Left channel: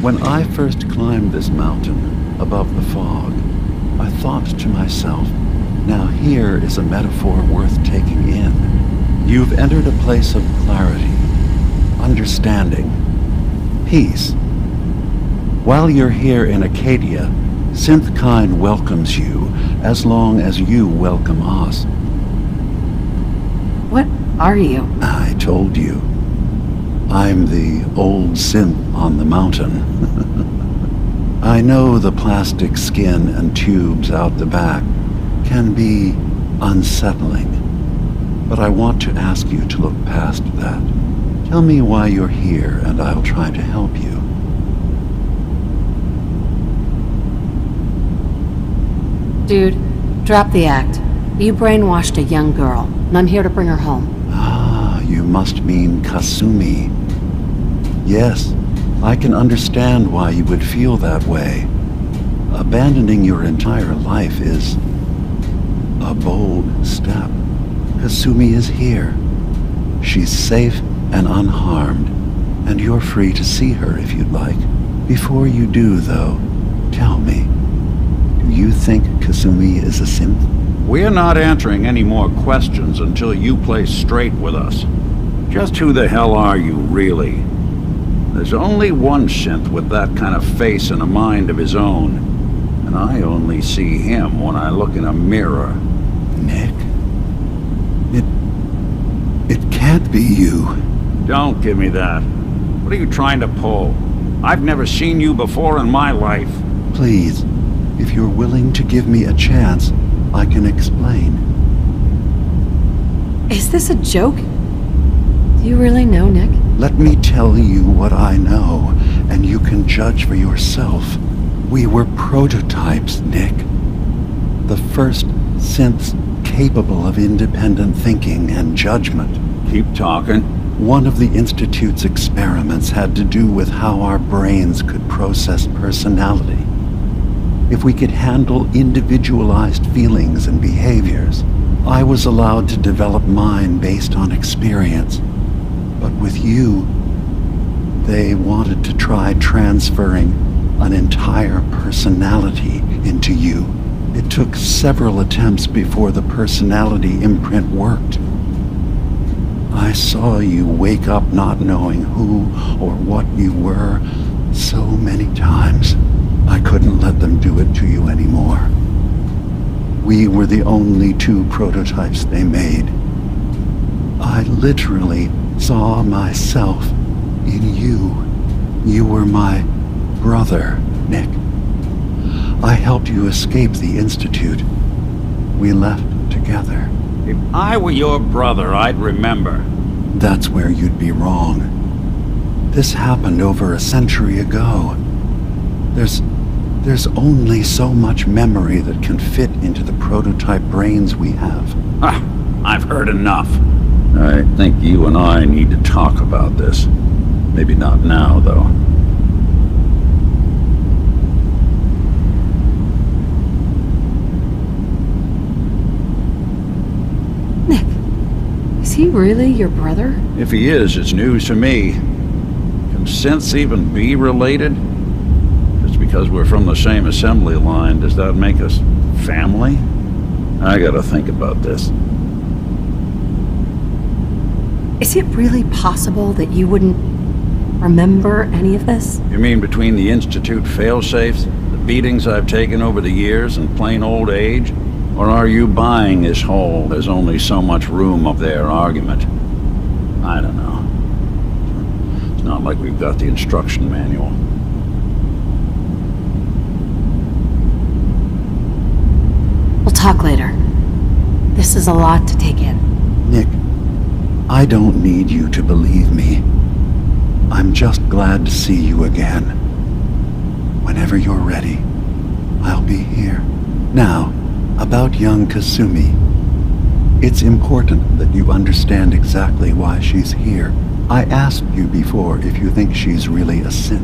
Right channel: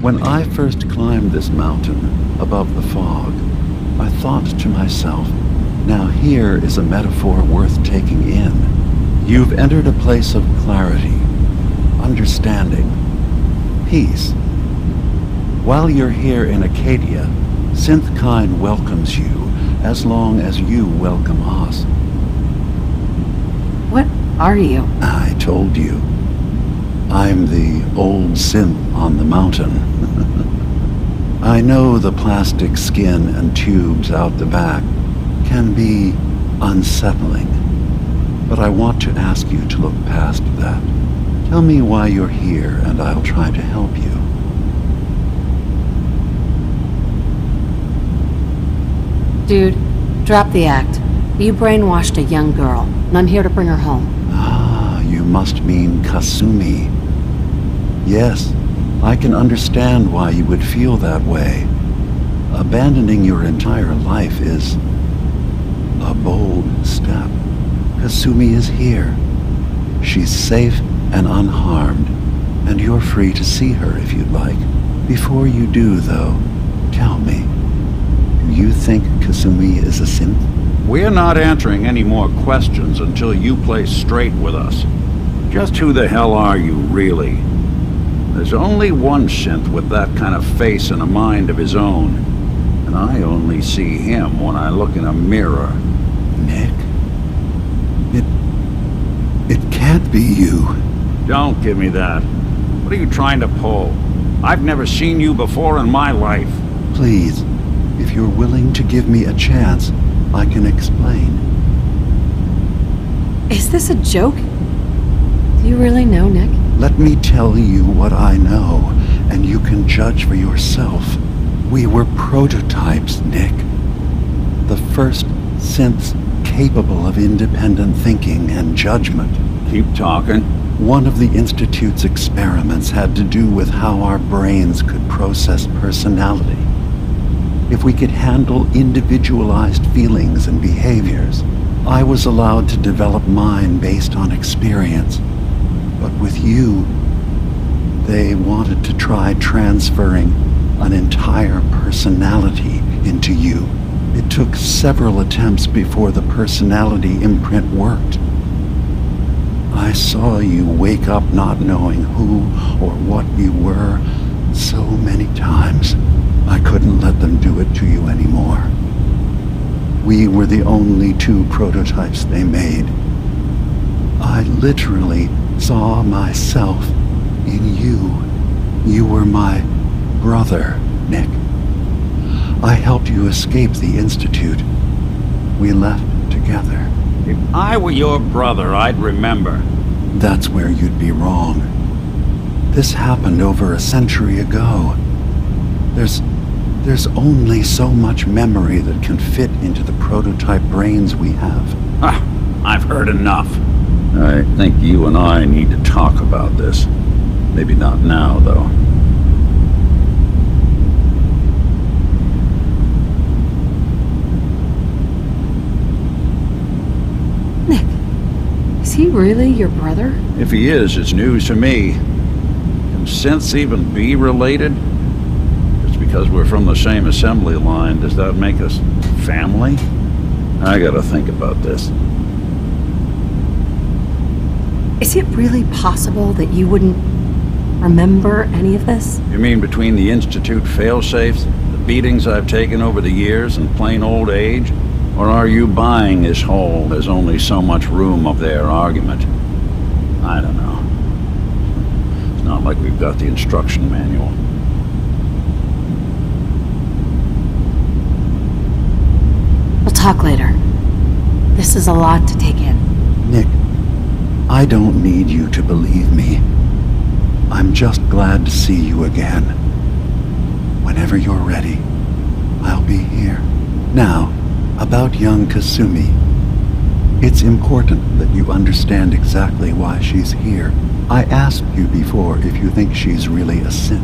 When I first climbed this mountain above the fog, I thought to myself, now here is a metaphor worth taking in. You've entered a place of clarity, understanding, peace. While you're here in Acadia, Synthkind welcomes you as long as you welcome us. What are you? I told you. I'm the old synth on the mountain. I know the plastic skin and tubes out the back can be unsettling, but I want to ask you to look past that. Tell me why you're here and I'll try to help you. Dude, drop the act. You brainwashed a young girl, and I'm here to bring her home. Ah, you must mean Kasumi. Yes, I can understand why you would feel that way. Abandoning your entire life is a bold step. Kasumi is here. She's safe and unharmed, and you're free to see her if you'd like. Before you do, though, tell me, do you think Kasumi is a synth? We're not answering any more questions until you play straight with us. Just who the hell are you, really? There's only one synth with that kind of face and a mind of his own, and I only see him when I look in a mirror. Nick? It can't be you. Don't give me that. What are you trying to pull? I've never seen you before in my life. Please, if you're willing to give me a chance, I can explain. Is this a joke? Do you really know, Nick? Let me tell you what I know, and you can judge for yourself. We were prototypes, Nick. The first synths capable of independent thinking and judgment. Keep talking. One of the Institute's experiments had to do with how our brains could process personality. If we could handle individualized feelings and behaviors, I was allowed to develop mine based on experience. But with you, they wanted to try transferring an entire personality into you. It took several attempts before the personality imprint worked. I saw you wake up not knowing who or what you were so many times. I couldn't let them do it to you anymore. We were the only two prototypes they made. I literally saw myself in you. You were my brother, Nick. I helped you escape the Institute. We left together. If I were your brother, I'd remember. That's where you'd be wrong. This happened over a century ago. There's only so much memory that can fit into the prototype brains we have. Ah, I've heard enough. I think you and I need to talk about this. Maybe not now, though. Nick, is he really your brother? If he is, it's news to me. Can synths even be related? Just because we're from the same assembly line, does that make us family? I gotta think about this. Is it really possible that you wouldn't remember any of this? You mean between the Institute failsafes, the beatings I've taken over the years, and plain old age? Or are you buying this whole "there's only so much room" of their argument? I don't know. It's not like we've got the instruction manual. We'll talk later. This is a lot to take in. Nick, I don't need you to believe me. I'm just glad to see you again. Whenever you're ready, I'll be here. Now, about young Kasumi. It's important that you understand exactly why she's here. I asked you before if you think she's really a synth.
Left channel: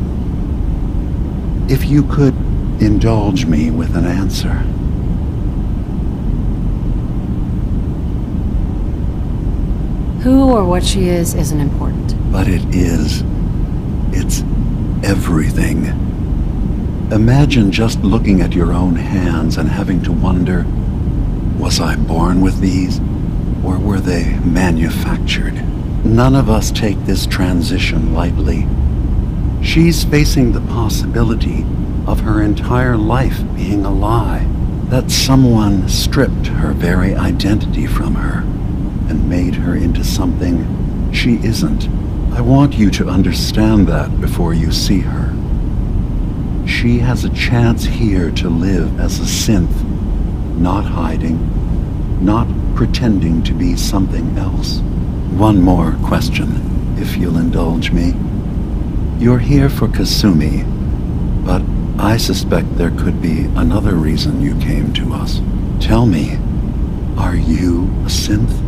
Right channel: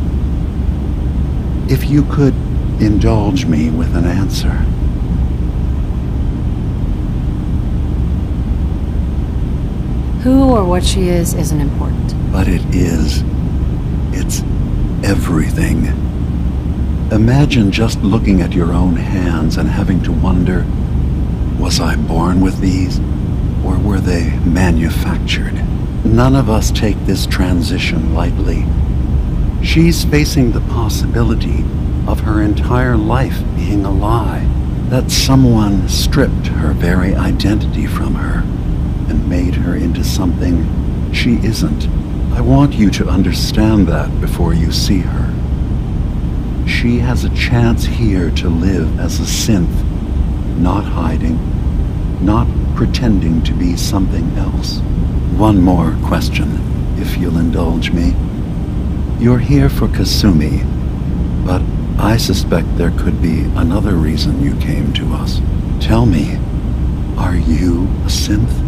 If you could indulge me with an answer. Who or what she is isn't important. But it is. It's everything. Imagine just looking at your own hands and having to wonder, was I born with these, or were they manufactured? None of us take this transition lightly. She's facing the possibility of her entire life being a lie, that someone stripped her very identity from her and made her into something she isn't. I want you to understand that before you see her. She has a chance here to live as a synth, not hiding, not pretending to be something else. One more question, if you'll indulge me. You're here for Kasumi, but I suspect there could be another reason you came to us. Tell me, are you a synth?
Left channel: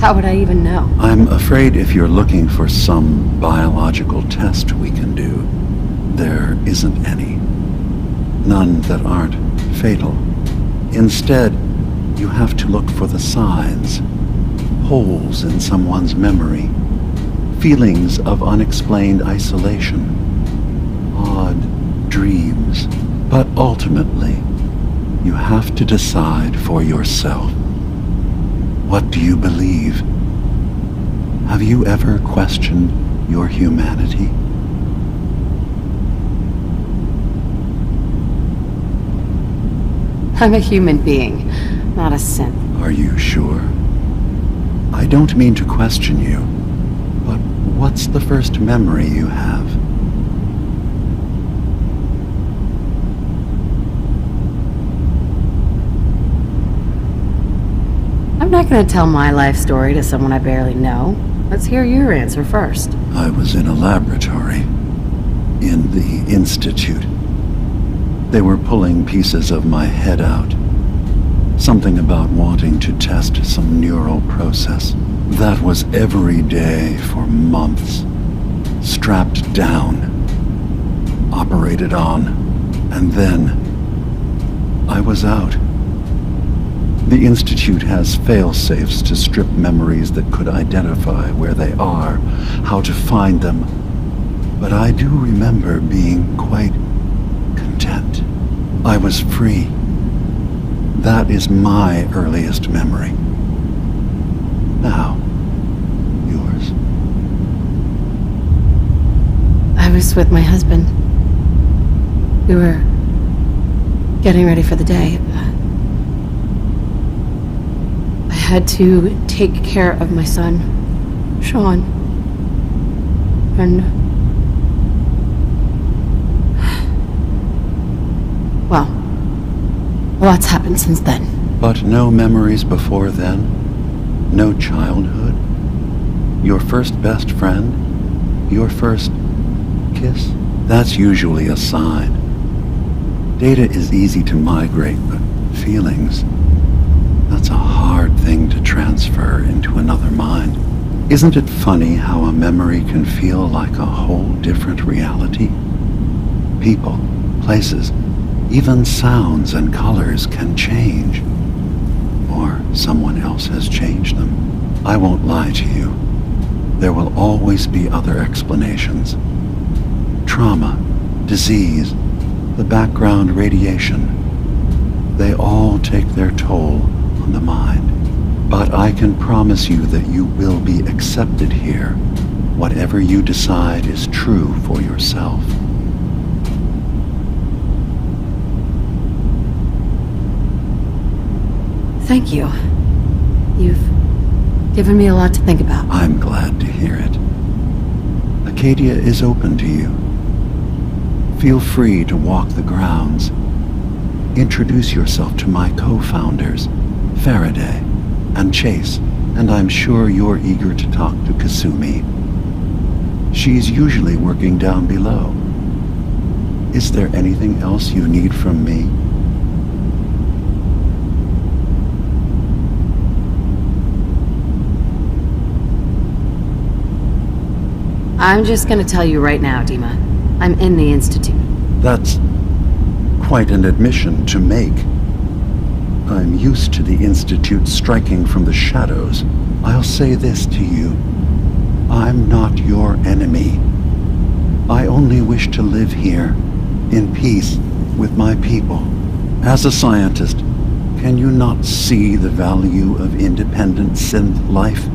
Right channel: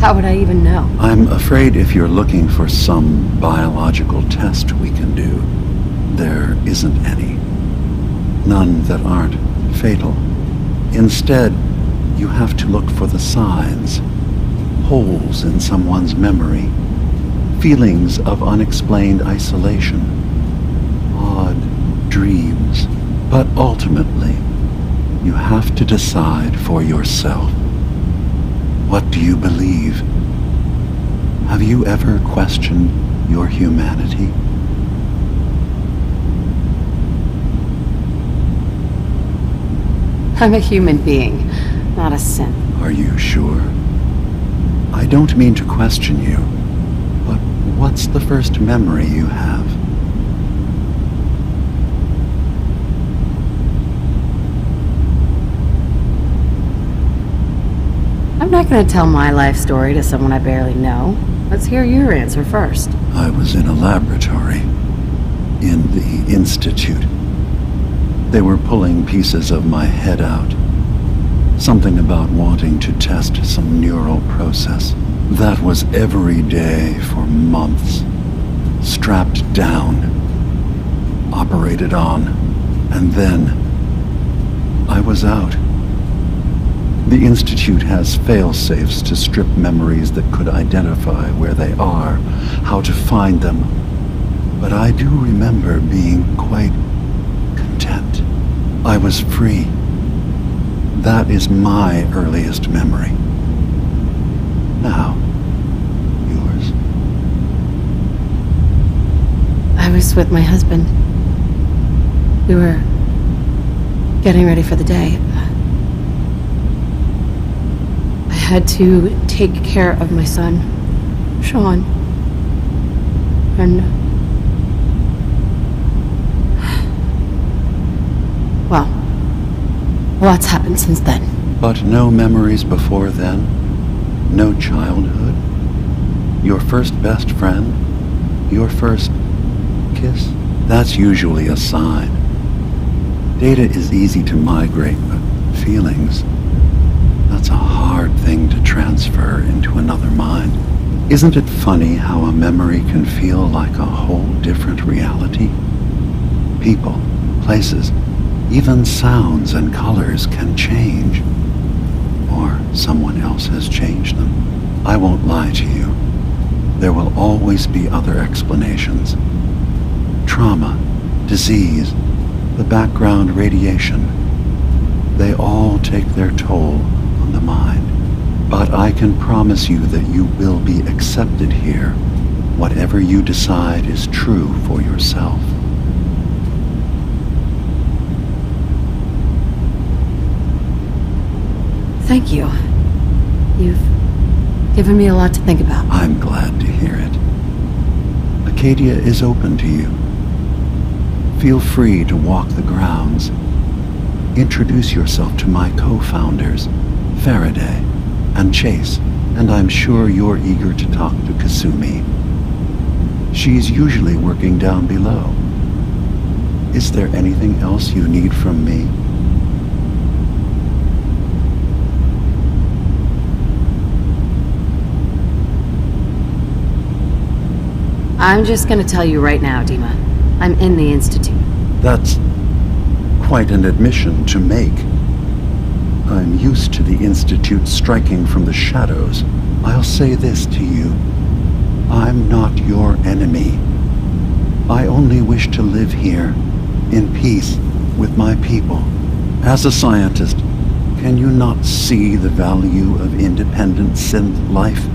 How would I even know? I'm afraid if you're looking for some biological test we can do, there isn't any. None that aren't fatal. Instead, you have to look for the signs, holes in someone's memory, feelings of unexplained isolation, odd dreams. But ultimately, you have to decide for yourself. What do you believe? Have you ever questioned your humanity? I'm a human being, not a synth. Are you sure? I don't mean to question you, but what's the first memory you have? I'm not going to tell my life story to someone I barely know. Let's hear your answer first. I was in a laboratory, in the Institute. They were pulling pieces of my head out. Something about wanting to test some neural process. That was every day for months. Strapped down, operated on, and then I was out. The Institute has fail-safes to strip memories that could identify where they are, how to find them. But I do remember being quite content. I was free. That is my earliest memory. Now, yours. I was with my husband. We were getting ready for the day. I had to take care of my son, Sean. And... well, a lot's happened since then. But no memories before then? No childhood? Your first best friend? Your first kiss? That's usually a sign. Data is easy to migrate, but feelings, that's a hard thing to transfer into another mind. Isn't it funny how a memory can feel like a whole different reality? People, places, even sounds and colors can change. Or someone else has changed them. I won't lie to you. There will always be other explanations. Trauma, disease, the background radiation. They all take their toll on the mind. But I can promise you that you will be accepted here, whatever you decide is true for yourself. Thank you. You've given me a lot to think about. I'm glad to hear it. Acadia is open to you. Feel free to walk the grounds. Introduce yourself to my co-founders, Faraday and Chase, and I'm sure you're eager to talk to Kasumi. She's usually working down below. Is there anything else you need from me? I'm just gonna tell you right now, Dima. I'm in the Institute. That's quite an admission to make. I'm used to the Institute striking from the shadows, I'll say this to you. I'm not your enemy. I only wish to live here, in peace with my people. As a scientist, can you not see the value of independent synth life?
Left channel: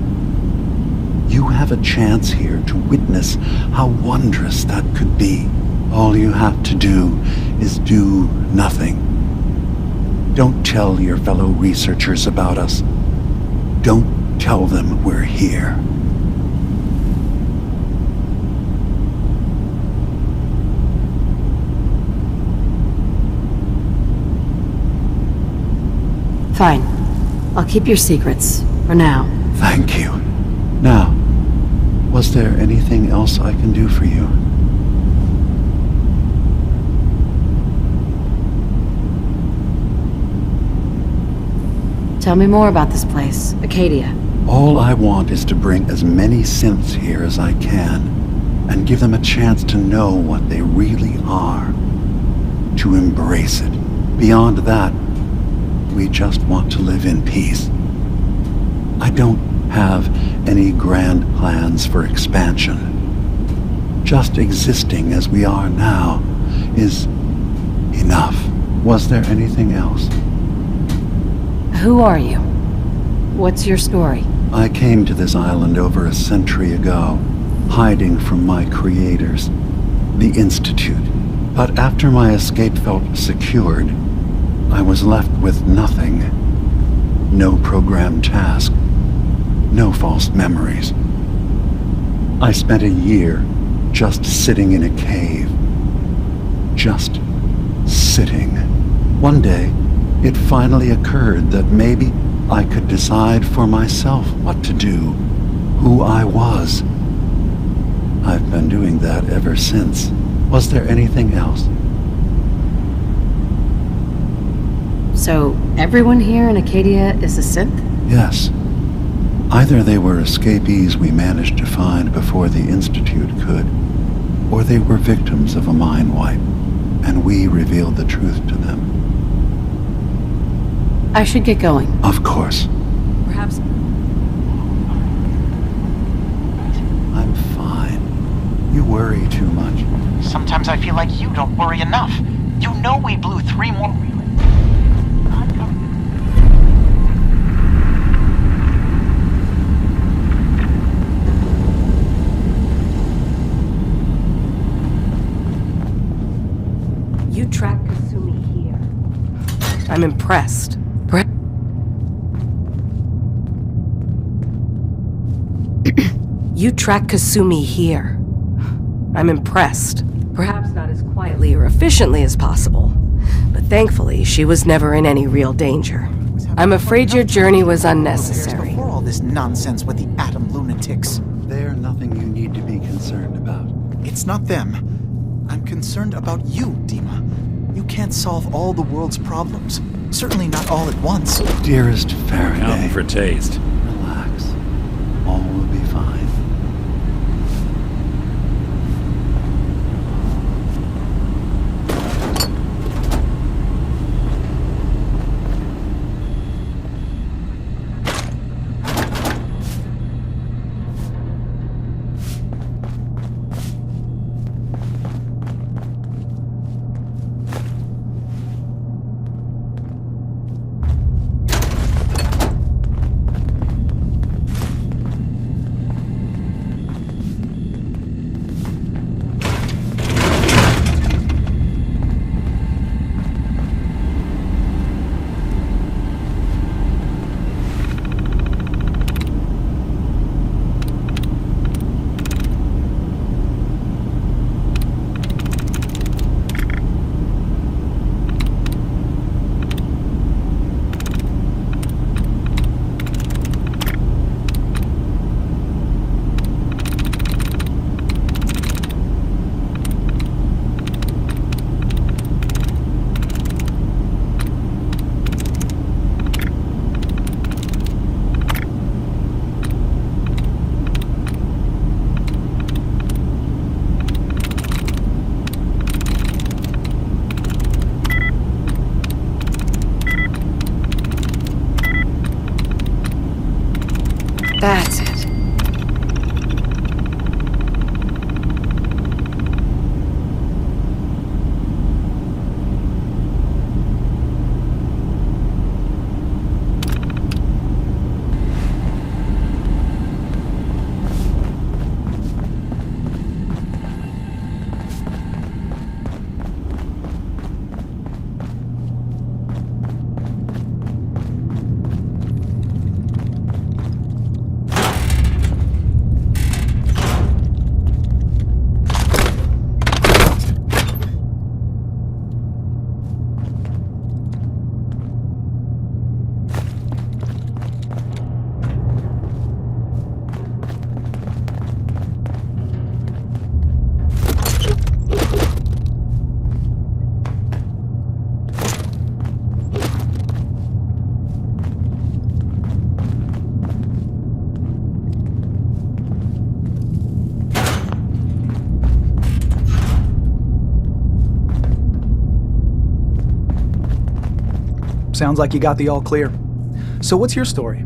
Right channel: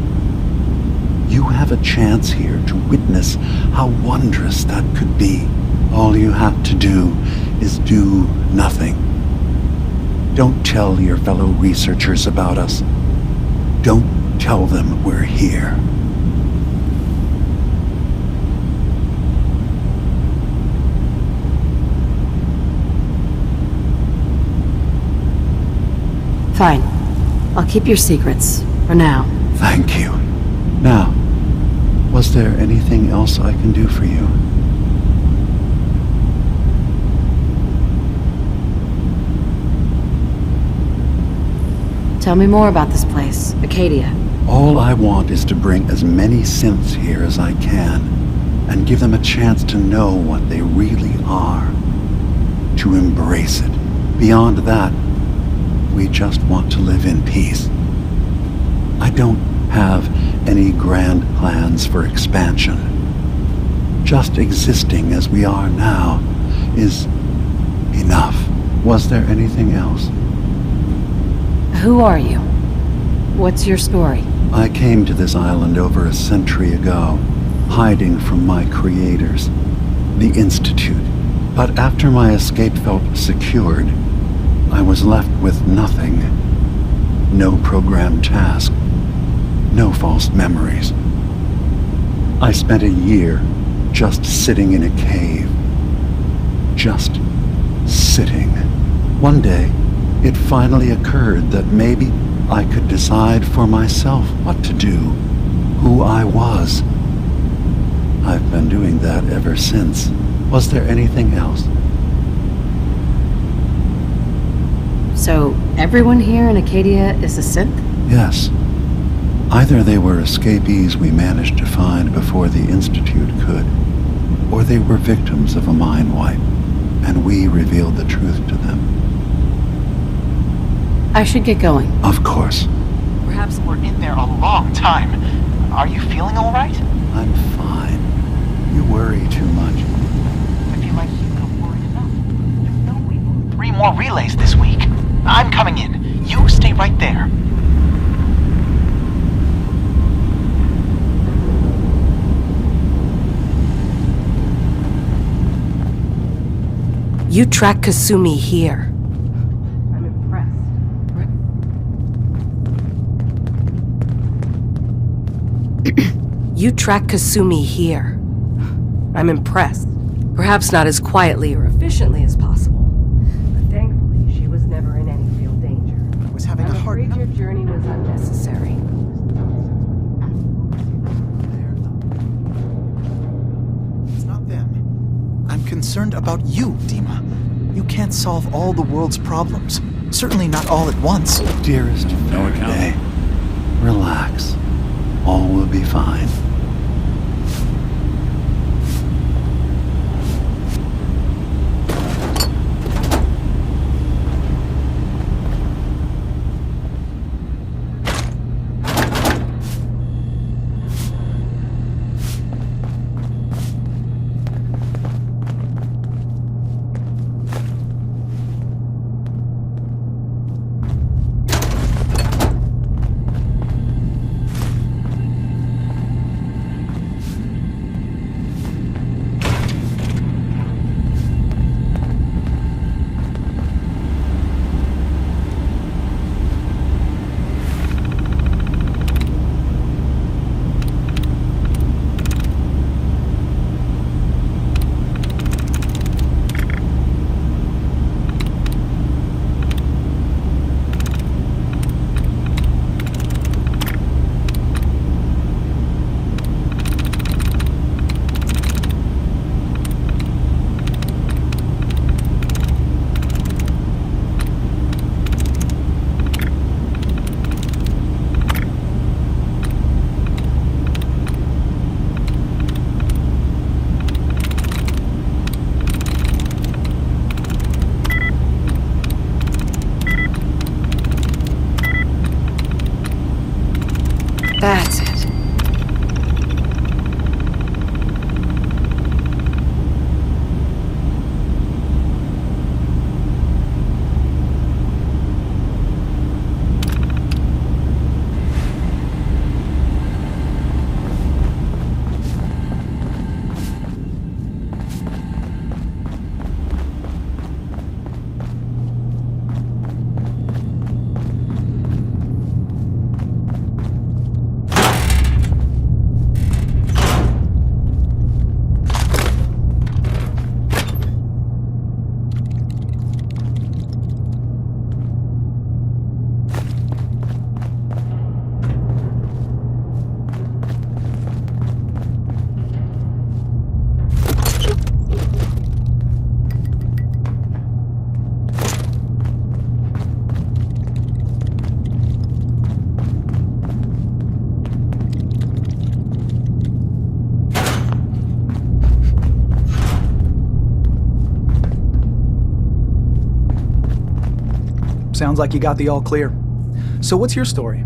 You have a chance here to witness how wondrous that could be. All you have to do is do nothing. Don't tell your fellow researchers about us. Don't tell them we're here. Fine. I'll keep your secrets, for now. Thank you. Now, was there anything else I can do for you? Tell me more about this place, Acadia. All I want is to bring as many synths here as I can, and give them a chance to know what they really are. To embrace it. Beyond that, we just want to live in peace. I don't have any grand plans for expansion. Just existing as we are now is enough. Was there anything else? Who are you? What's your story? I came to this island over a century ago, hiding from my creators, the Institute. But after my escape felt secured, I was left with nothing. No programmed task. No false memories. I spent a year just sitting in a cave. Just sitting. One day, it finally occurred that maybe I could decide for myself what to do, who I was. I've been doing that ever since. Was there anything else? So, everyone here in Acadia is a synth? Yes. Either they were escapees we managed to find before the Institute could, or they were victims of a mind wipe, and we revealed the truth to them. I should get going. Of course. Perhaps we're in there a long time. Are you feeling all right? I'm fine. You worry too much. Sometimes I feel like you don't worry enough. You know we blew 3 more relays this week. I'm coming in. You stay right there. You track Kasumi here. I'm impressed. You track Kasumi here. I'm impressed. Perhaps not as quietly or efficiently as possible, but thankfully she was never in any real danger. I'm afraid your journey was unnecessary. Before all this nonsense with the atom lunatics. They're nothing you need to be concerned about. It's not them. I'm concerned about you, Dima. You can't solve all the world's problems. Certainly not all at once. Dearest No Faraday, accounting for taste. relax. All will be fine. That's it. Sounds like you got the all clear. So what's your story?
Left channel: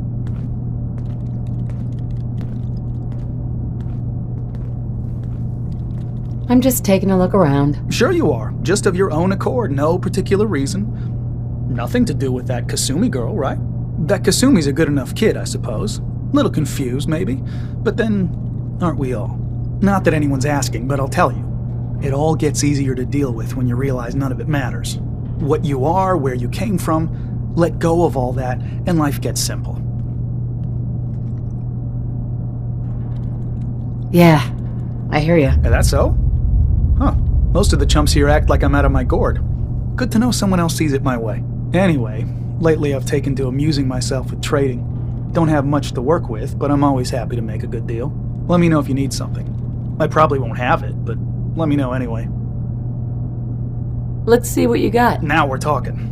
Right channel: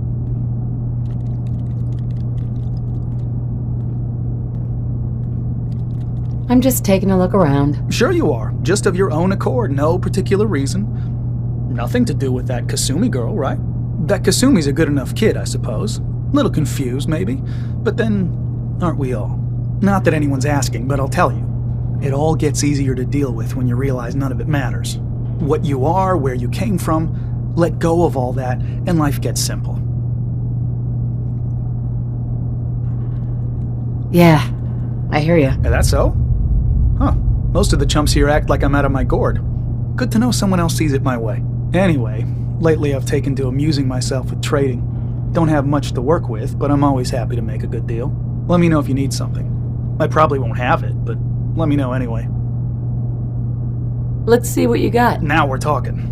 I'm just taking a look around. Sure you are. Just of your own accord, no particular reason. Nothing to do with that Kasumi girl, right? That Kasumi's a good enough kid, I suppose. Little confused, maybe. But then, aren't we all? Not that anyone's asking, but I'll tell you. It all gets easier to deal with when you realize none of it matters. What you are, where you came from, let go of all that, and life gets simple. Yeah, I hear you. Is that so? Huh. Most of the chumps here act like I'm out of my gourd. Good to know someone else sees it my way. Anyway, lately I've taken to amusing myself with trading. Don't have much to work with, but I'm always happy to make a good deal. Let me know if you need something. I probably won't have it, but let me know anyway. Let's see what you got. Now we're talking.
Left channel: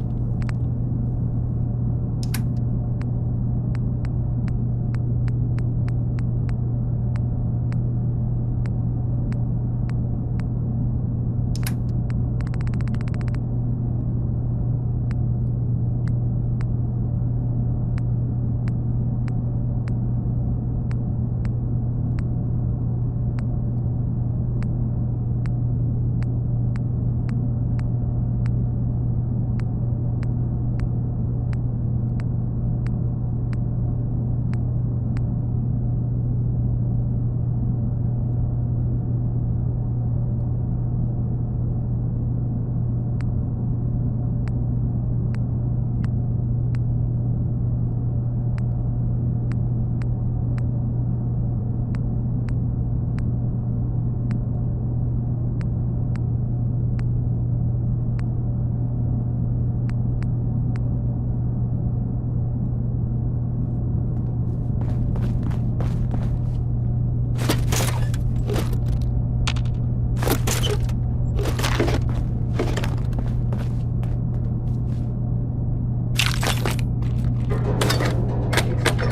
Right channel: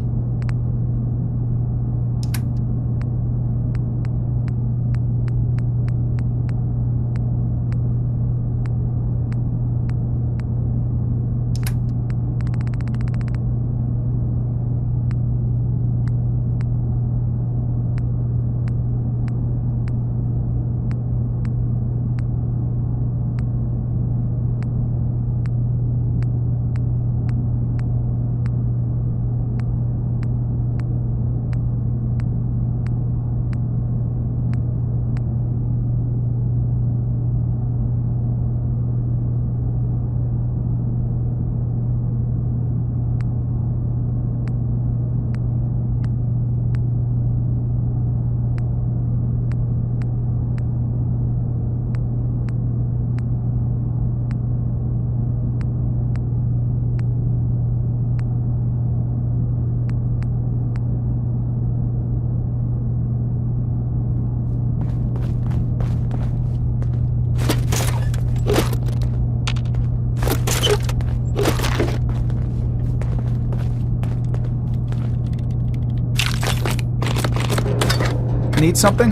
Need something?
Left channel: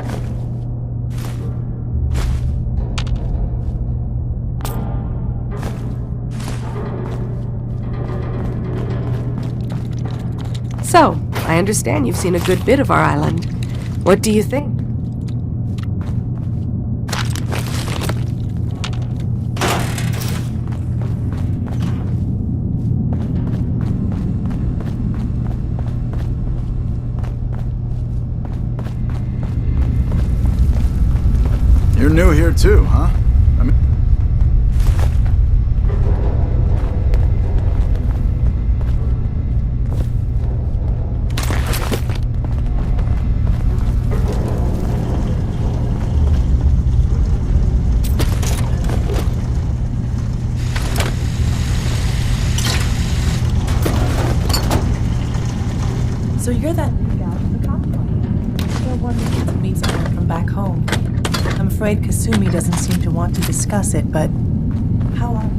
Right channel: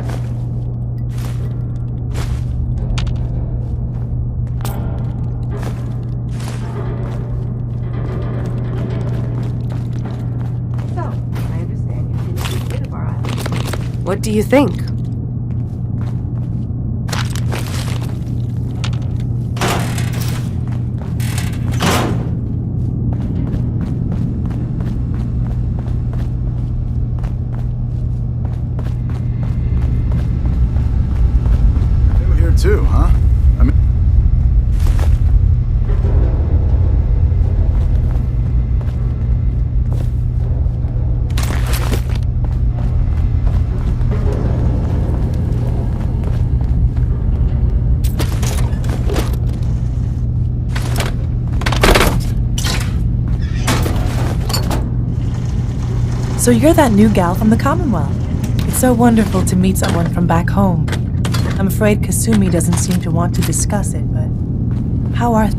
So, I understand you've seen a good bit of our island. What do you think? You're new here too, huh? I mean... So you're that new gal from the Commonwealth. It's so wonderful to meet someone from back home. I'm afraid Kasumi doesn't seem to want to discuss it, but how are...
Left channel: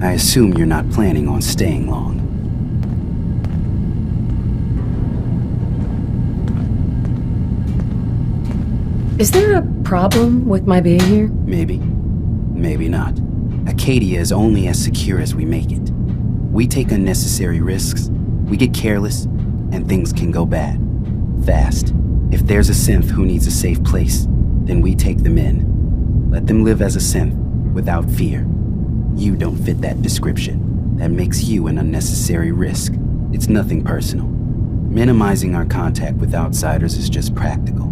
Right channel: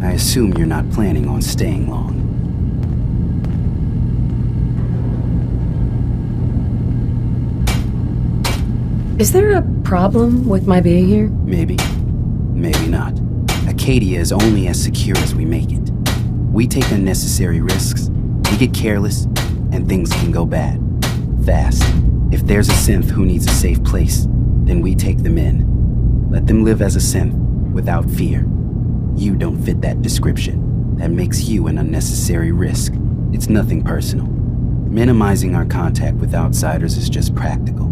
I assume you're not planning on staying long. Is there a problem with my being here? Maybe. Maybe not. Acadia is only as secure as we make it. We take unnecessary risks, we get careless, and things can go bad. Fast. If there's a synth who needs a safe place, then we take them in. Let them live as a synth, without fear. You don't fit that description. That makes you an unnecessary risk. It's nothing personal. Minimizing our contact with outsiders is just practical.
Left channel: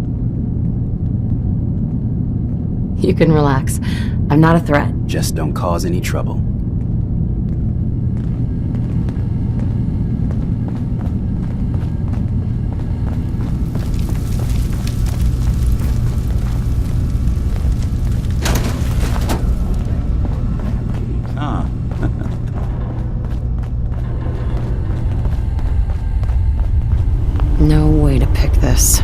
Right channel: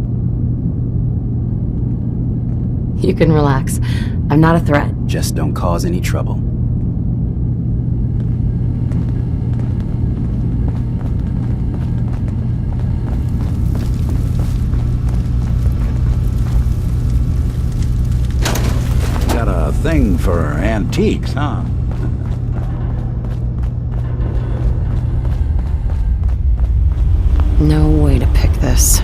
You can relax. I'm not a threat. Just don't cause any trouble. Got a thing for antiques, huh? No way to pick this.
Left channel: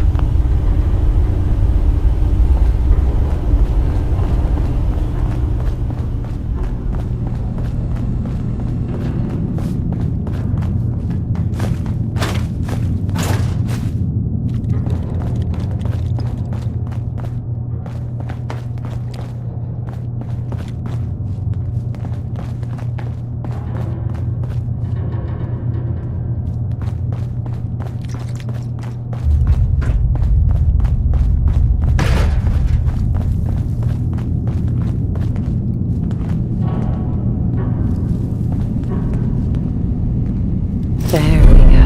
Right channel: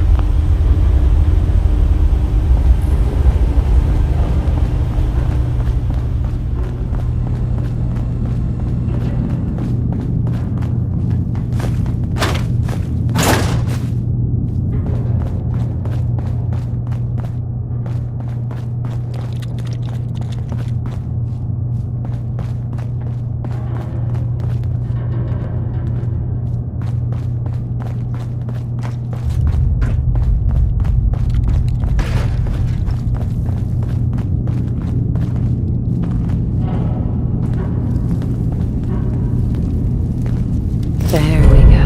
There we go.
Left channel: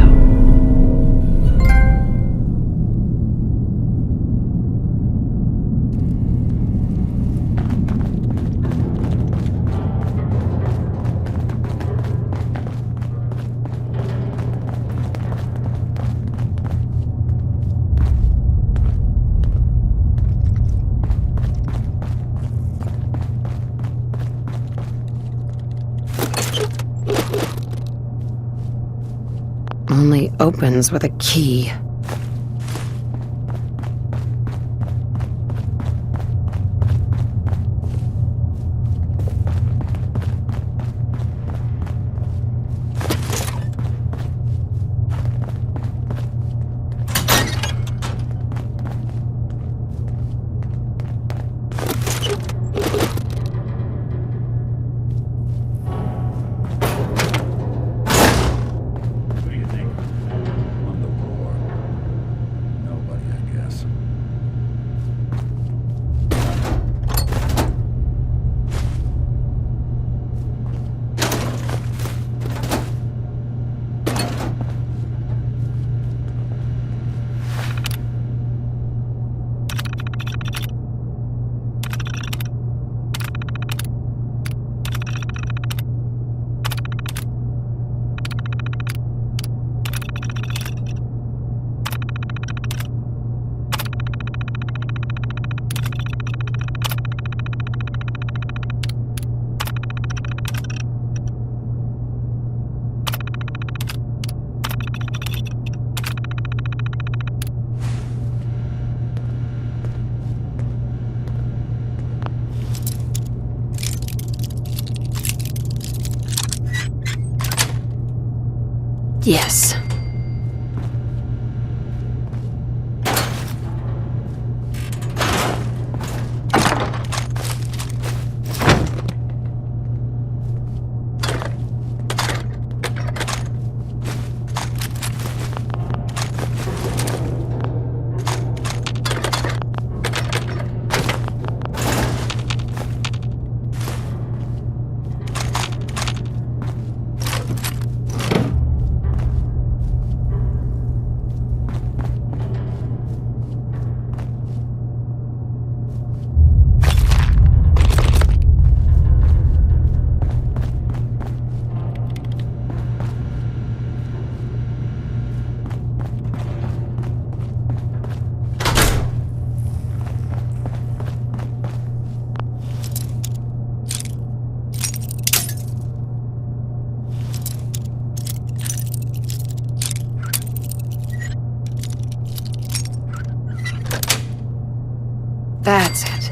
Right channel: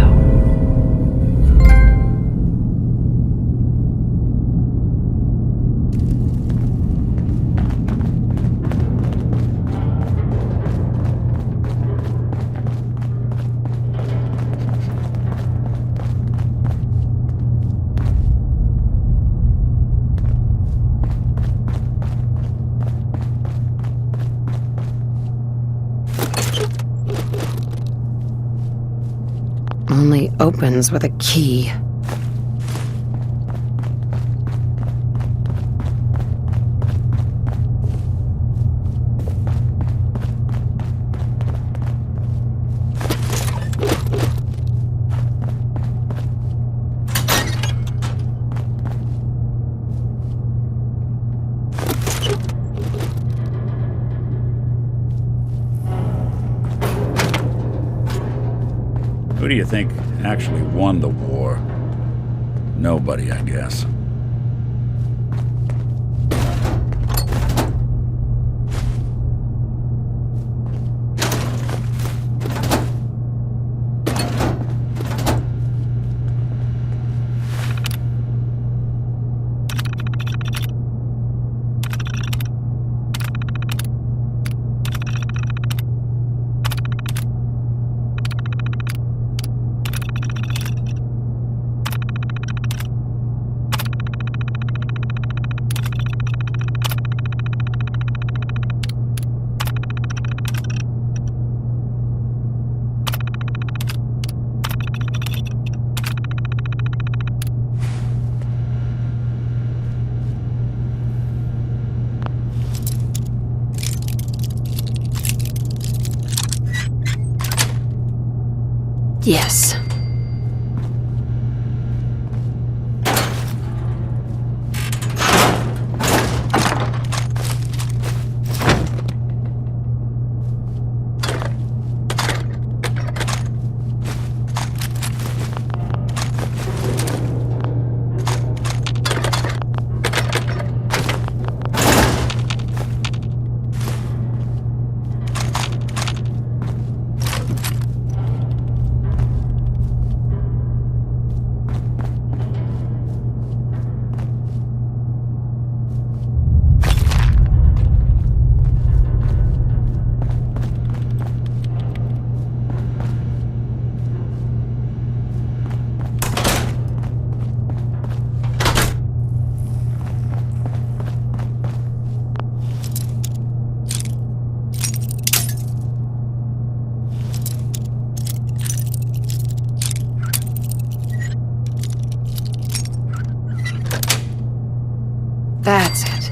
Only opens with a key. Who do you think actually won the war? Nobody, I guess. Yes. That's it.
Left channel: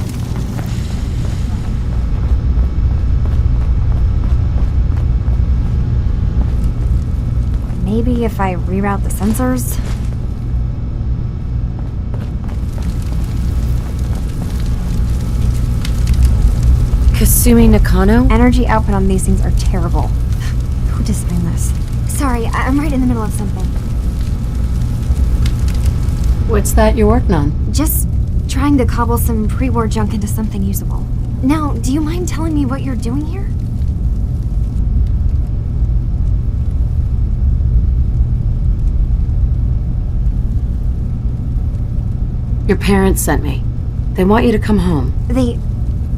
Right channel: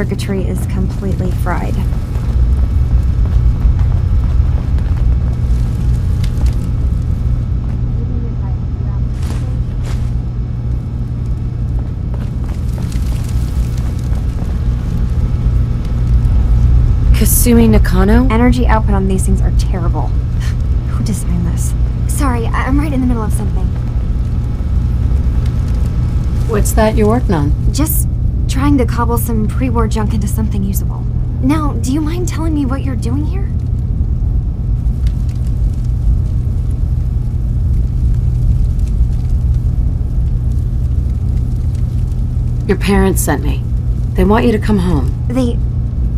circuitry is completely fried. Maybe if I reroute the sensors? Kasumi Nakano? Energy output on these things are terrible. Who designed this? Sorry, I'm right in the middle of something. What's that you're working on? Just trying to cobble some pre-war junk into something usable. Now, do you mind telling me what you're doing here? Your parents sent me. They want you to come home. They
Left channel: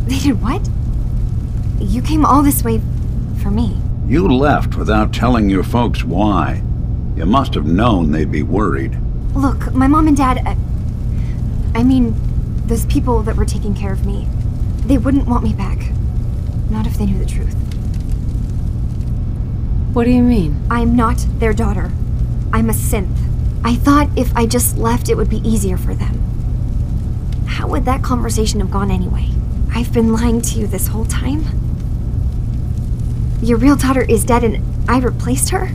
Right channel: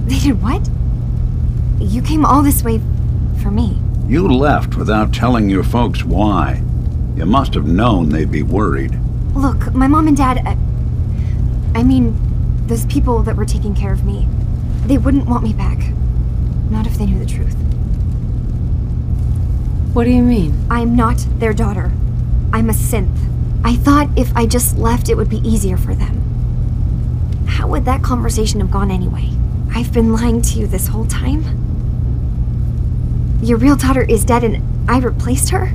did what? You came all this way for me. You left without telling your folks why. You must have known they'd be worried. Look, my mom and dad... I mean, those people that were taking care of me, they wouldn't want me back. Not if they knew the truth. What do you mean? I'm not their daughter. I'm a synth. I thought if I just left, it would be easier for them. How would that conversation have gone anyway? I've been lying to you this whole time? Your real daughter is dead and I replaced her?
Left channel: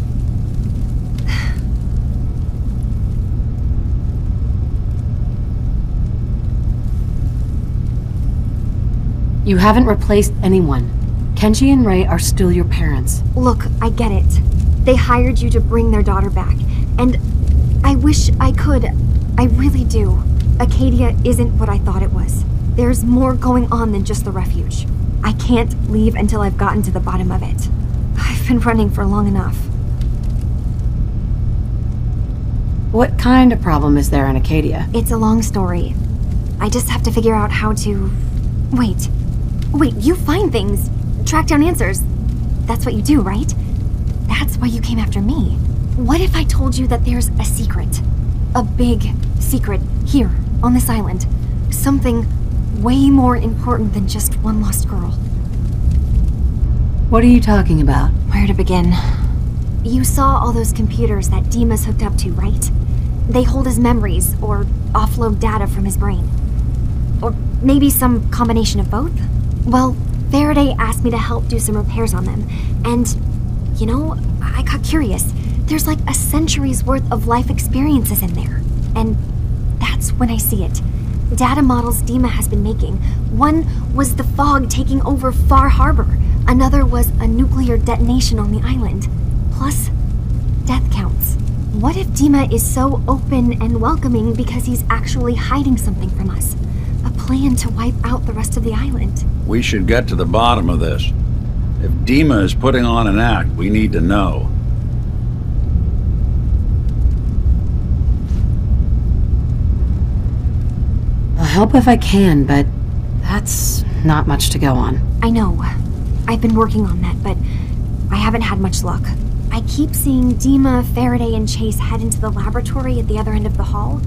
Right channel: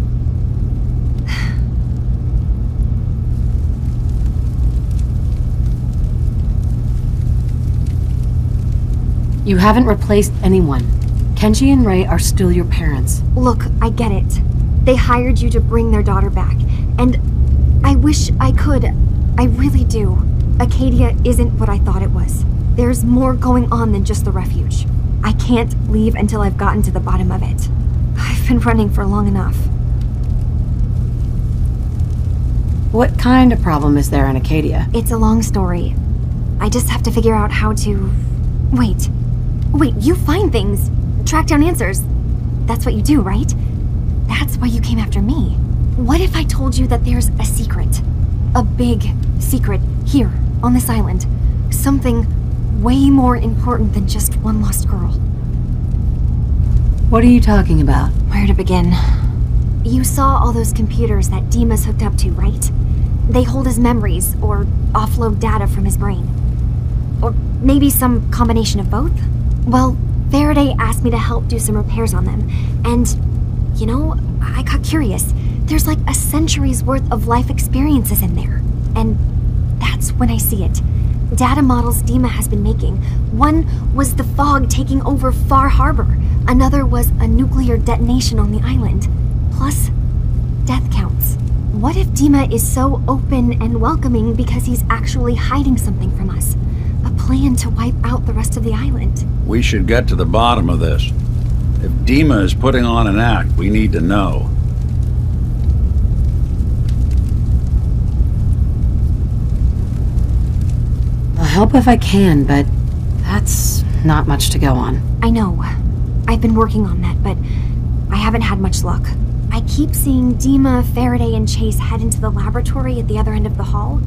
You haven't replaced anyone. Kenji and Ray are still your parents. Look, I get it. They hired you to bring their daughter back, and I wish I could. I really do. Acadia isn't what I thought it was. There's more going on than just the refuge. I can't leave until I've gotten to the bottom of it. I've been running for long enough. What kind of problem is there in Acadia? It's a long story. I just have to figure out how to... Wait, you find things, track down answers. That's what you do, right? That's why you came after me. What if I told you that there's a secret? A big secret here, on this island. Something way more important than just one lost girl. What are you talking about? Where to begin? You saw all those computers that Dima's hooked up to, right? They hold his memories, or offload data from his brain. Or maybe some combination of both? Well, Faraday asked me to help do some repairs on them, and, you know, I got curious. There's like a century's worth of life experiences in there, and that's when I see it. Data models Dima has been making. One was the fog taking over Far Harbor. Another was a nuclear detonation on the island. Plus, death counts. What if Dima is so open and welcoming because he's actually hiding something from us? A plan to wipe out the rest of the island. We should get to the bottom of this. If Dima is putting on an act, we need to know. I'll help if I can, but that's not much to go on. I know. I've been working on that, but I haven't had much luck. I keep seeing Dima, Faraday, and Chase head into the laboratory at the other end of the hall.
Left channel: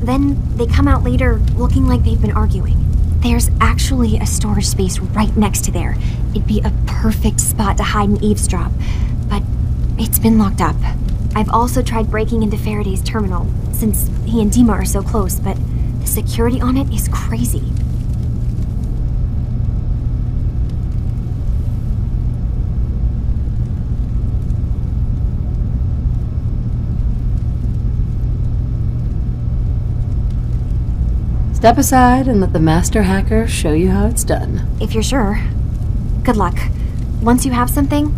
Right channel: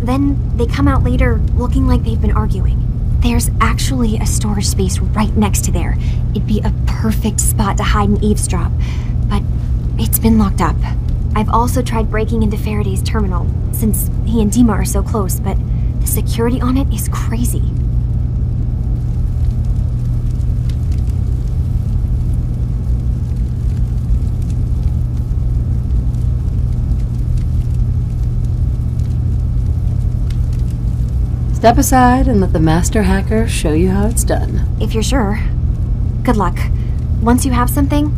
Then they come out later looking like they've been arguing. There's actually a storage space right next to there. It'd be a perfect spot to hide and eavesdrop, but it's been locked up. I've also tried breaking into Faraday's terminal, since he and Dima are so close, but the security on it is crazy. Step aside and let the master hacker show you how it's done. If you're sure. Good luck. Once you have something,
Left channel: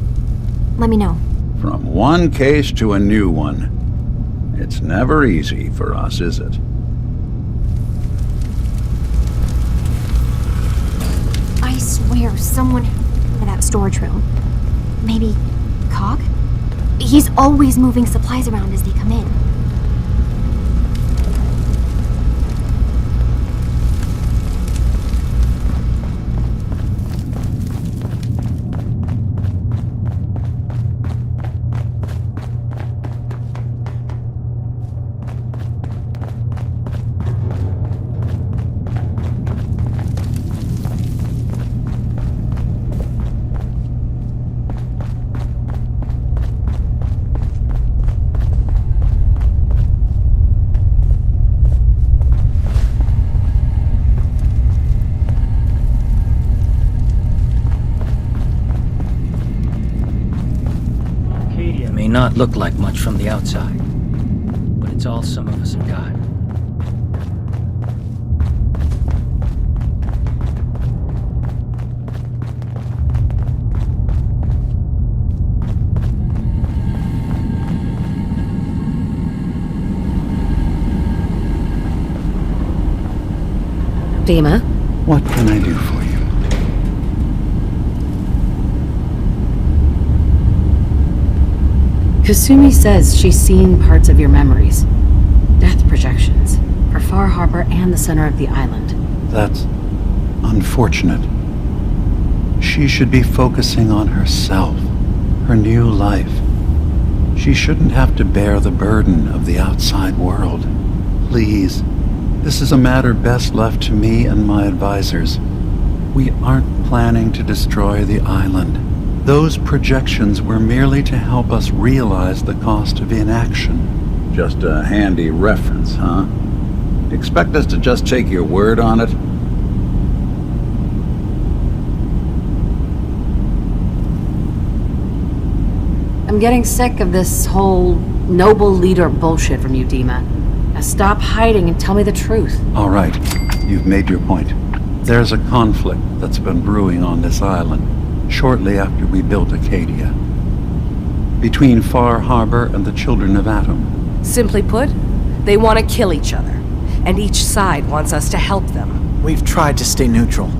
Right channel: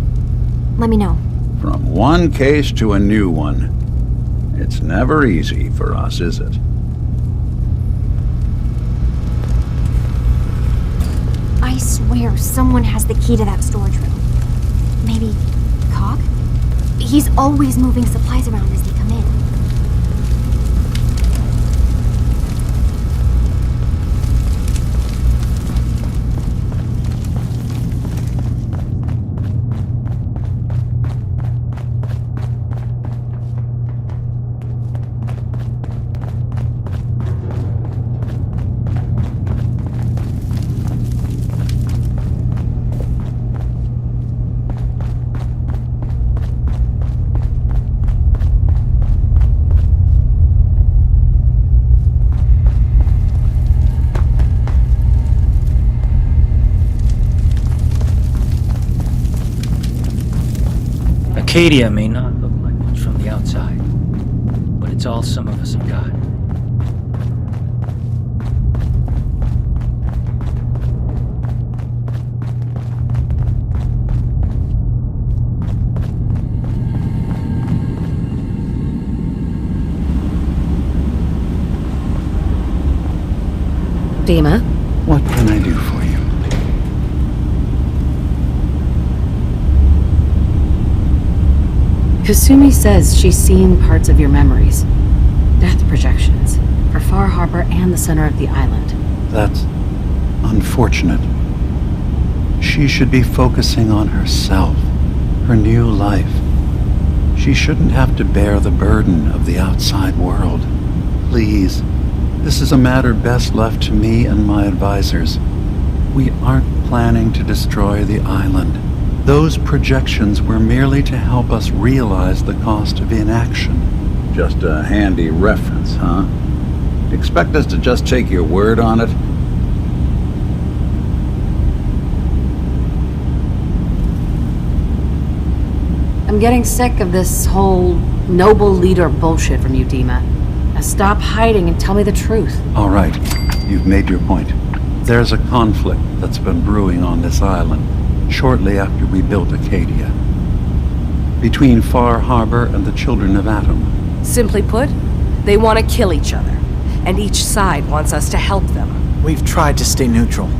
let me know. From one case to a new one. It's never easy for us, is it? I swear someone has the key to that storage room. Maybe Cog? He's always moving supplies around as they come in. Acadia may not look like much from the outside, but it's all some of us have got. Dima? What can I do for you? Kasumi says she's seen parts of your memories. Death projections. For Far Harbor and the center of the island. That's unfortunate. She should be focusing on herself, her new life. She shouldn't have to bear the burden of the outside world. Please, this is a matter best left to me and my advisors. We aren't planning to destroy the island. Those projections were merely to help us realize the cost of inaction. Just a handy reference, huh? Expect us to just take your word on it? I'm getting sick of this whole noble leader bullshit from you, Dima. Now stop hiding and tell me the truth. All right, you've made your point. There's a conflict that's been brewing on this island shortly after we built Acadia. Between Far Harbor and the Children of Atom. Simply put, they want to kill each other, and each side wants us to help them. We've tried to stay neutral,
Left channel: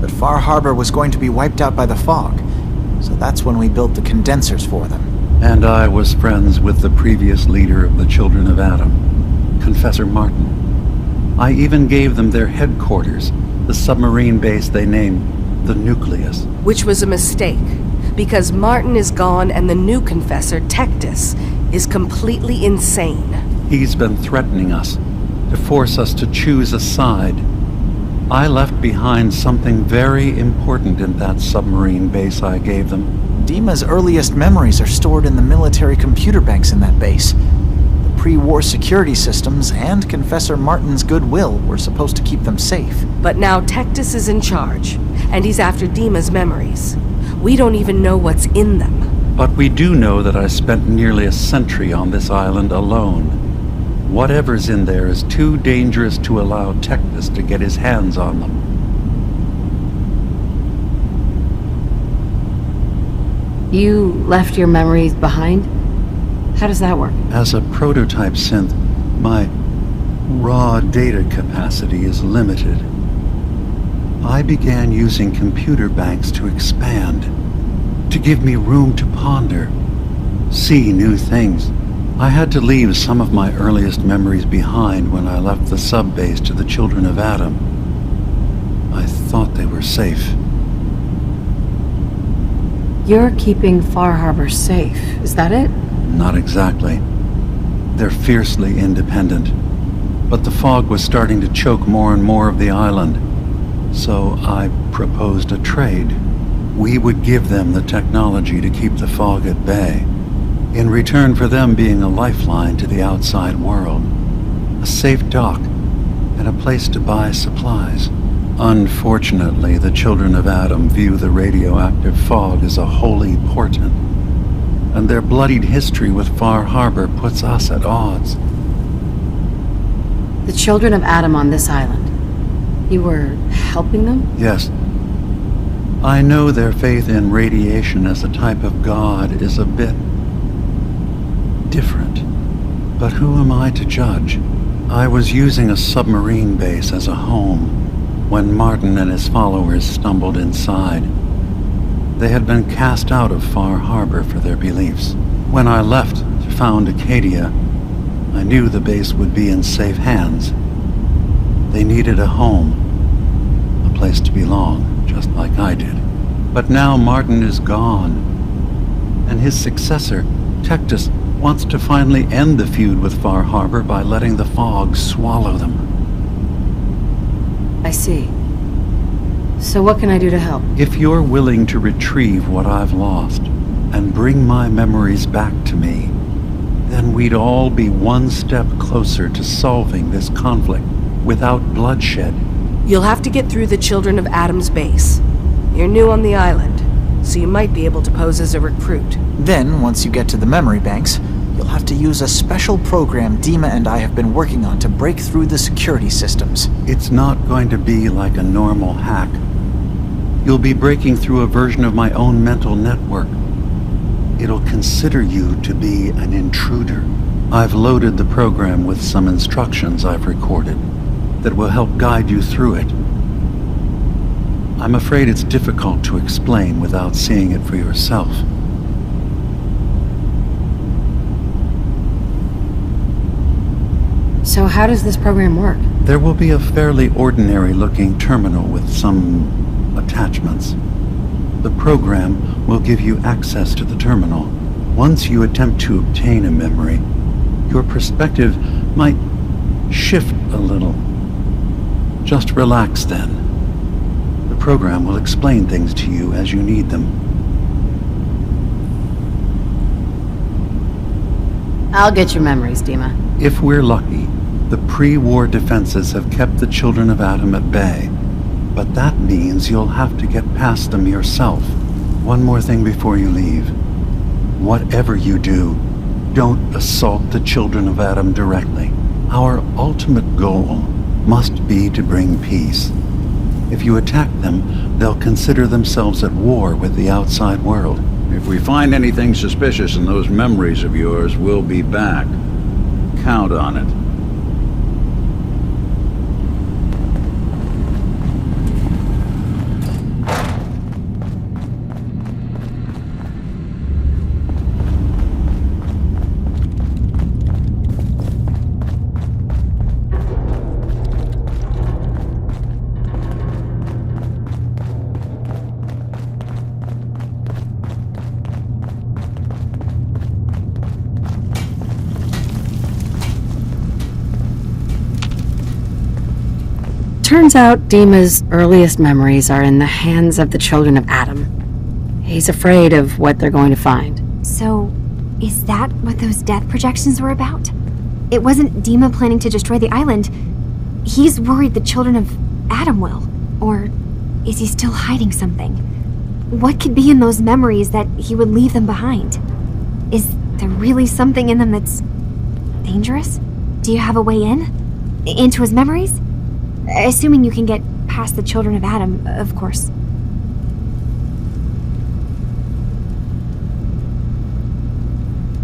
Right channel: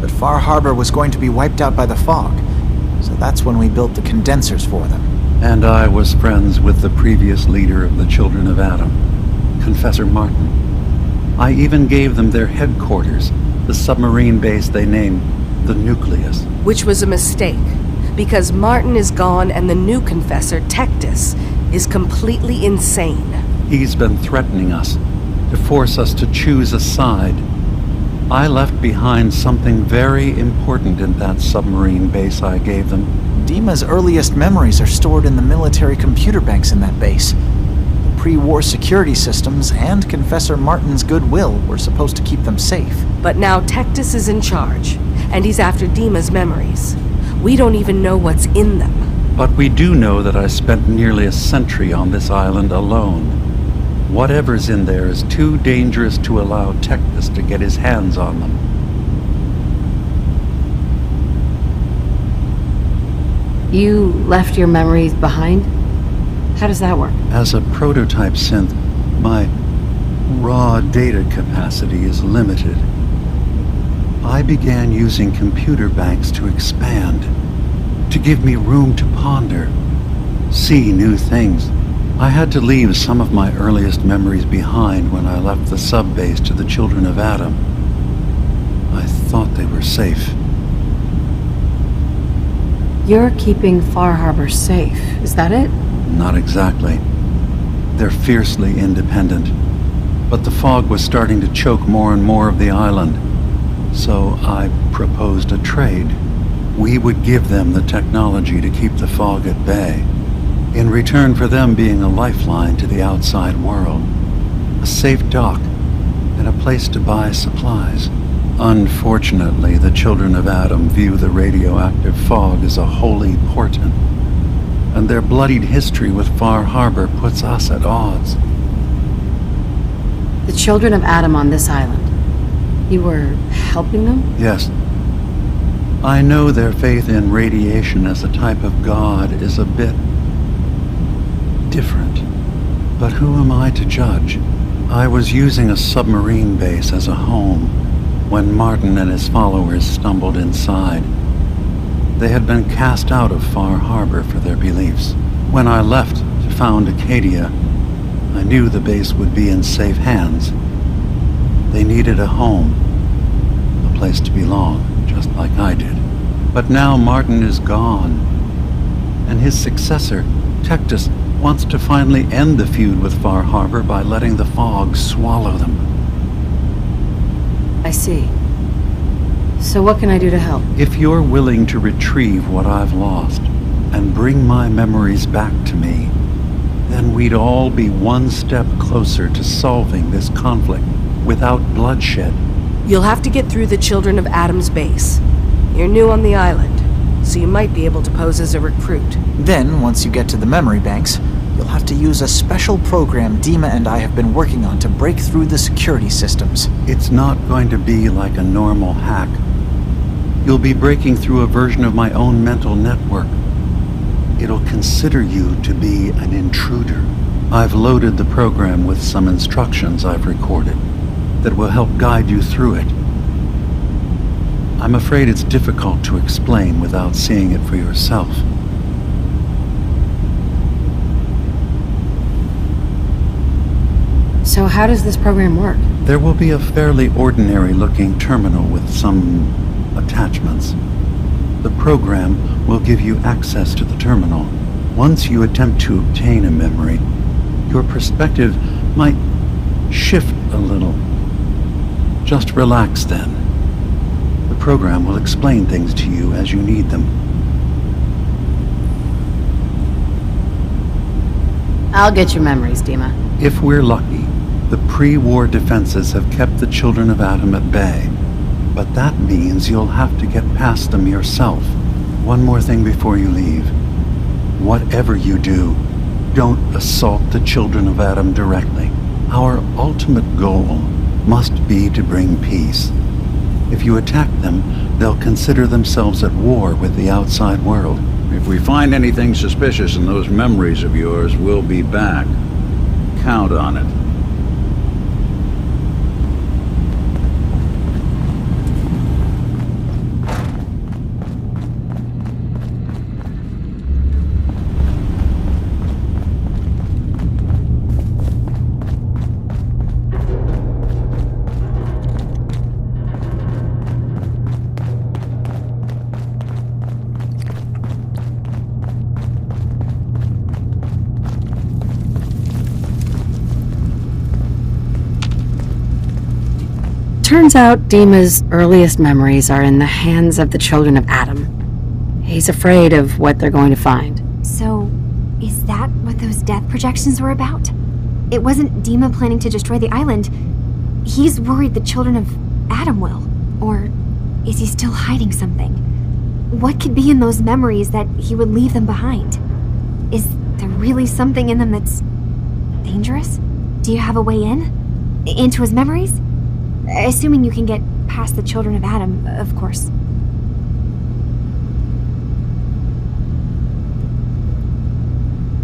but Far Harbor was going to be wiped out by the fog, so that's when we built the condensers for them. And I was friends with the previous leader of the Children of Atom, Confessor Martin. I even gave them their headquarters, the submarine base they named the Nucleus. Which was a mistake, because Martin is gone and the new confessor, Tectus, is completely insane. He's been threatening us, to force us to choose a side. I left behind something very important in that submarine base I gave them. Dima's earliest memories are stored in the military computer banks in that base. The pre-war security systems and Confessor Martin's goodwill were supposed to keep them safe. But now Tectus is in charge, and he's after Dima's memories. We don't even know what's in them. But we do know that I spent nearly a century on this island alone. Whatever's in there is too dangerous to allow Tectus to get his hands on them. You left your memories behind? How does that work? As a prototype synth, my raw data capacity is limited. I began using computer banks to expand, to give me room to ponder, see new things. I had to leave some of my earliest memories behind when I left the sub-base to the Children of Atom. I thought they were safe. You're keeping Far Harbor safe, is that it? Not exactly. They're fiercely independent. But the fog was starting to choke more and more of the island. So I proposed a trade. We would give them the technology to keep the fog at bay, in return for them being a lifeline to the outside world, a safe dock, and a place to buy supplies. Unfortunately, the Children of Atom view the radioactive fog as a holy portent, and their bloodied history with Far Harbor puts us at odds. The Children of Atom on this island. You were helping them? Yes. I know their faith in radiation as a type of god is a bit different. But who am I to judge? I was using a submarine base as a home when Martin and his followers stumbled inside. They had been cast out of Far Harbor for their beliefs. When I left to found Acadia, I knew the base would be in safe hands. They needed a home, a place to belong, just like I did. But now Martin is gone, and his successor, Tectus, wants to finally end the feud with Far Harbor by letting the fog swallow them. I see. So what can I do to help? If you're willing to retrieve what I've lost and bring my memories back to me, then we'd all be one step closer to solving this conflict without bloodshed. You'll have to get through the Children of Atom's base. You're new on the island, so you might be able to pose as a recruit. Then, once you get to the memory banks, you'll have to use a special program Dima and I have been working on to break through the security systems. It's not going to be like a normal hack. You'll be breaking through a version of my own mental network. It'll consider you to be an intruder. I've loaded the program with some instructions I've recorded that will help guide you through it. I'm afraid it's difficult to explain without seeing it for yourself. So how does this program work? There will be a fairly ordinary-looking terminal with some attachments. The program will give you access to the terminal. Once you attempt to obtain a memory, your perspective might shift a little. Just relax then. The program will explain things to you as you need them. I'll get your memories, Dima. If we're lucky, the pre-war defenses have kept the children of Adam at bay. But that means you'll have to get past them yourself. One more thing before you leave. Whatever you do, don't assault the children of Adam directly. Our ultimate goal must be to bring peace. If you attack them, they'll consider themselves at war with the outside world. If we find anything suspicious in those memories of yours, we'll be back. Count on it. Turns out Dima's earliest memories are in the hands of the children of Adam. He's afraid of what they're going to find. So, is that what those death projections were about? It wasn't Dima planning to destroy the island. He's worried the children of Adam will. Or is he still hiding something? What could be in those memories that he would leave them behind? Is there really something in them that's dangerous? Do you have a way in? Into his memories? Assuming you can get past the children of Adam, of course.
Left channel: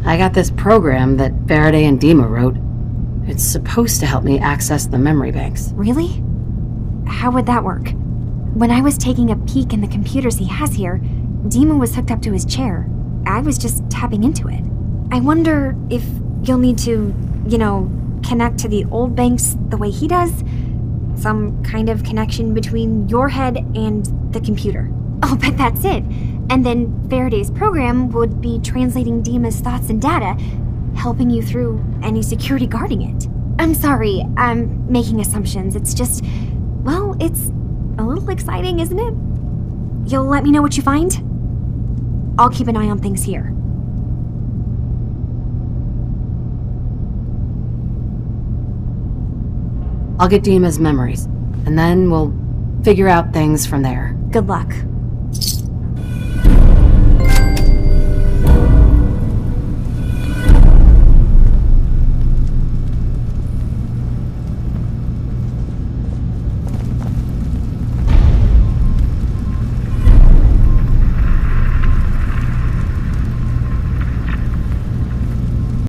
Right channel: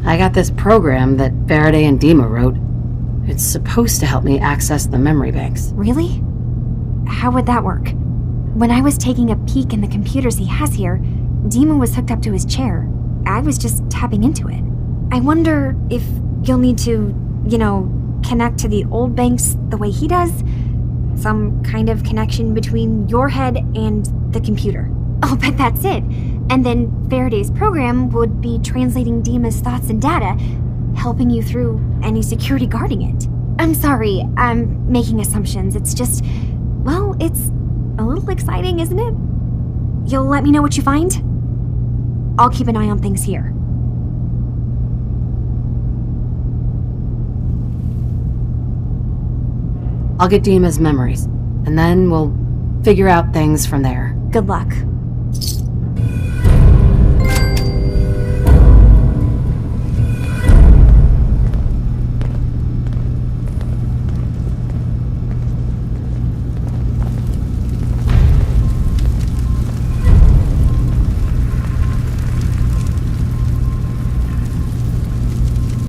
I got this program that Faraday and Dima wrote. It's supposed to help me access the memory banks. Really? How would that work? When I was taking a peek in the computers he has here, Dima was hooked up to his chair. I was just tapping into it. I wonder if you'll need to, connect to the old banks the way he does? Some kind of connection between your head and the computer. I'll bet that's it. And then Faraday's program would be translating Dima's thoughts and data, helping you through any security guarding it. I'm sorry, I'm making assumptions. It's just, well, it's a little exciting, isn't it? You'll let me know what you find? I'll keep an eye on things here. I'll get Dima's memories, and then we'll figure out things from there. Good luck.